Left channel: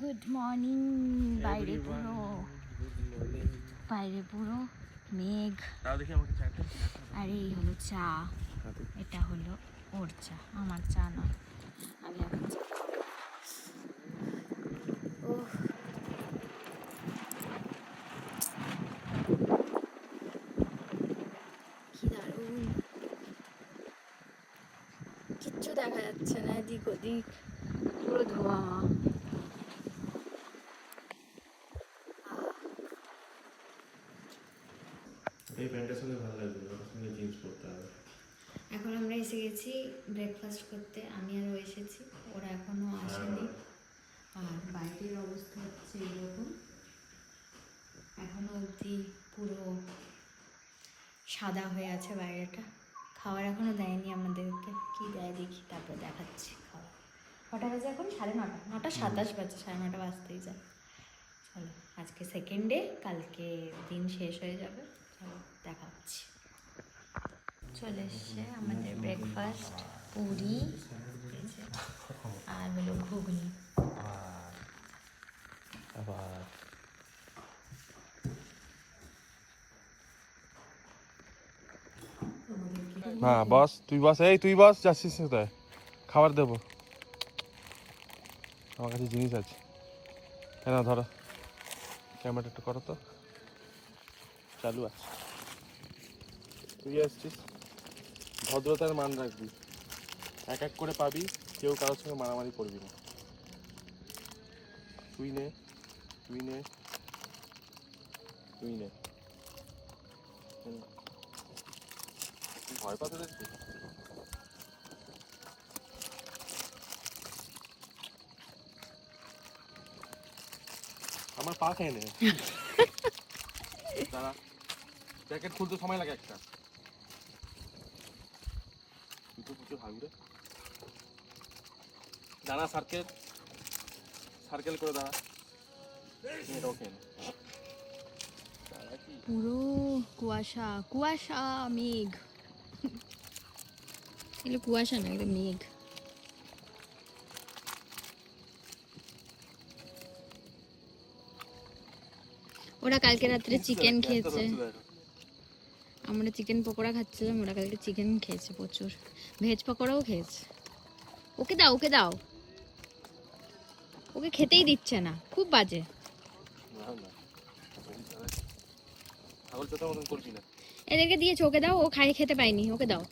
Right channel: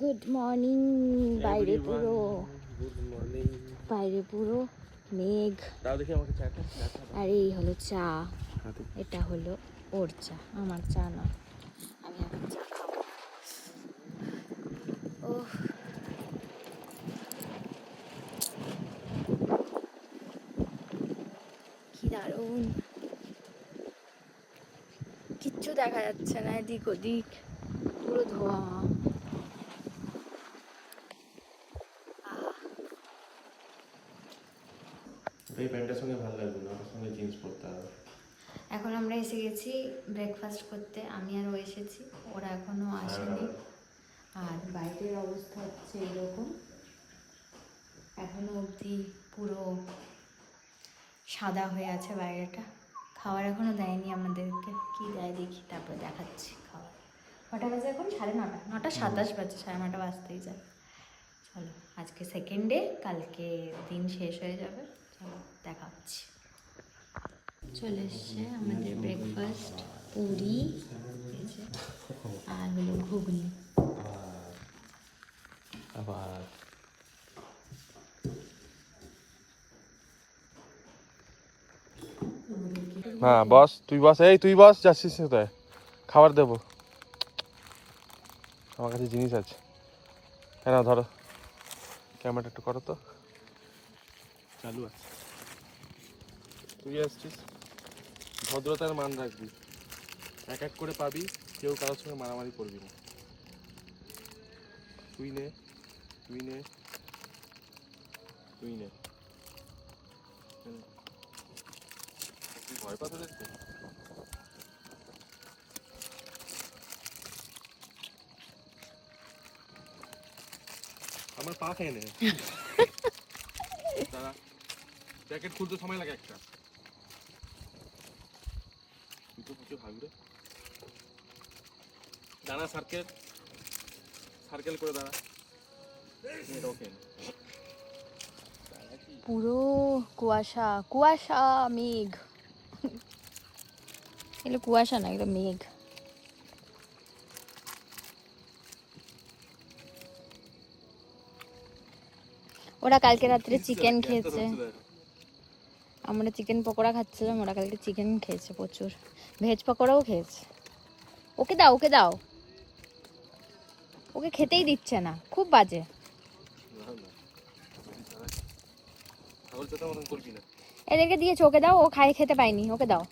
Good morning. বাইরে পুরো মেঘ। আর এই হলো চা, এটা হলো ওর চা, আমার চা না। আমি এখন চা খাবো। ওহ, কি দারুণ, কিচ্ছু দেখা যাচ্ছে না, এদিক ওদিক পুরো ধোঁয়া। এই প্যান্টের সঙ্গে ভালো লাগবে না, ওর সঙ্গে জিন্স পরতে হবে। এখন আমরা এসে গেছি ব্রেকফাস্ট করতে, আমি আরও এসেছি, ওরা এখনো আসেনি। আর বাইরের অবস্থা হচ্ছে এরকম, এখনো অবধি পুরো সাদা হয়ে আছে বাইরেটা। খাবার এখনো দেয়নি আমাদেরকে, কি দেয় দেখি তারপরে দেখাচ্ছি। খাবার কটা বাজে এখন? 9:30 বাজে, 9:30 বাজতেই যায়। চলো, আজকে সেকেন্ড ডে, কালকে দিন শেষ হয়ে যাবে। চলো দেখাচ্ছি। চলে এসছে আমাদের ব্রেকফাস্ট, পুরি আর হলো ঘুগনি। হ্যাঁ বস, তুই বস, এই তুই বস, যাচ্ছিস কোথায়? খাবার দেবো, আমার কাছে জিনিস আছে। কেন ধরো, ক্যামেরা একটু করো তো, চালু আছে। তুই আসছিস, ভদ্রতার মান রাখবি, এক এক করে পাবি, কেউ কারোর সঙ্গে মারামারি করবি না। তুই নে, তুই নে, তুই নে। তুই ভয় পাতে দেখবি। আমার পা খেয়ে নে। দাঁড়া, প্যাকেট খুলতে সময় লাগে একটা। তুই তো প্রচুর হাগুরে। দাঁড়া, সার্কেল সার্কেল করে দাঁড়া। এটাও খেয়ে নে। পুরো কুয়াশা কুয়াশা, মেঘ। এগুলো কুয়াশা না, এগুলো মেঘ। ওরা কালকে রাত্রে চিকেন খেয়েছে, আমরা চিকেন পকোড়া খাচ্ছিলাম, ওরা কালকে চিকেন খেয়েছে প্রচুর, ভেজ পকোড়াও খেয়েছে। ওকে দাও, ওকে দাও, ওকে খেতেই দিচ্ছে না, খুব বাজে। এদেরকে দিয়েছো, ওকে দাও, ও খেতে পায়নি, ওকে দাও।